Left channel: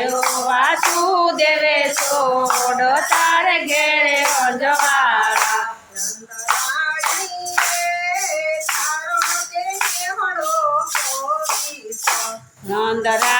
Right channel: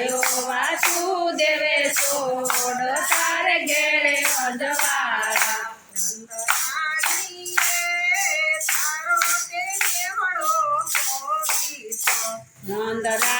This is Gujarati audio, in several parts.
આવ્યો વાસુદેવે છોડ તાર ઘેરે જવાળા નંદરા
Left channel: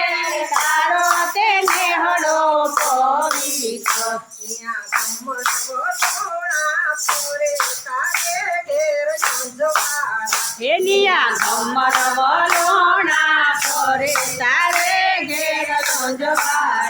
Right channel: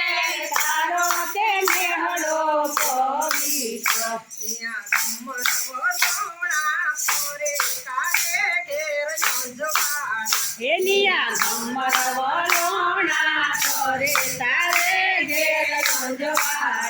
હેલિયા કમર વરોણા કરે તારે ઘેર સંજવા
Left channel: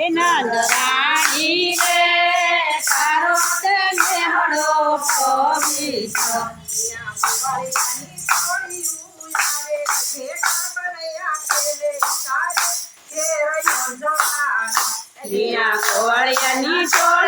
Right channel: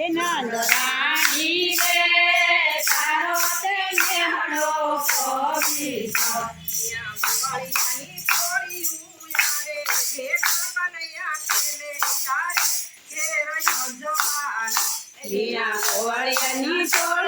નંદરાણી રે તારો તેને હળો પમી લીલા કોળિયાની ચોળી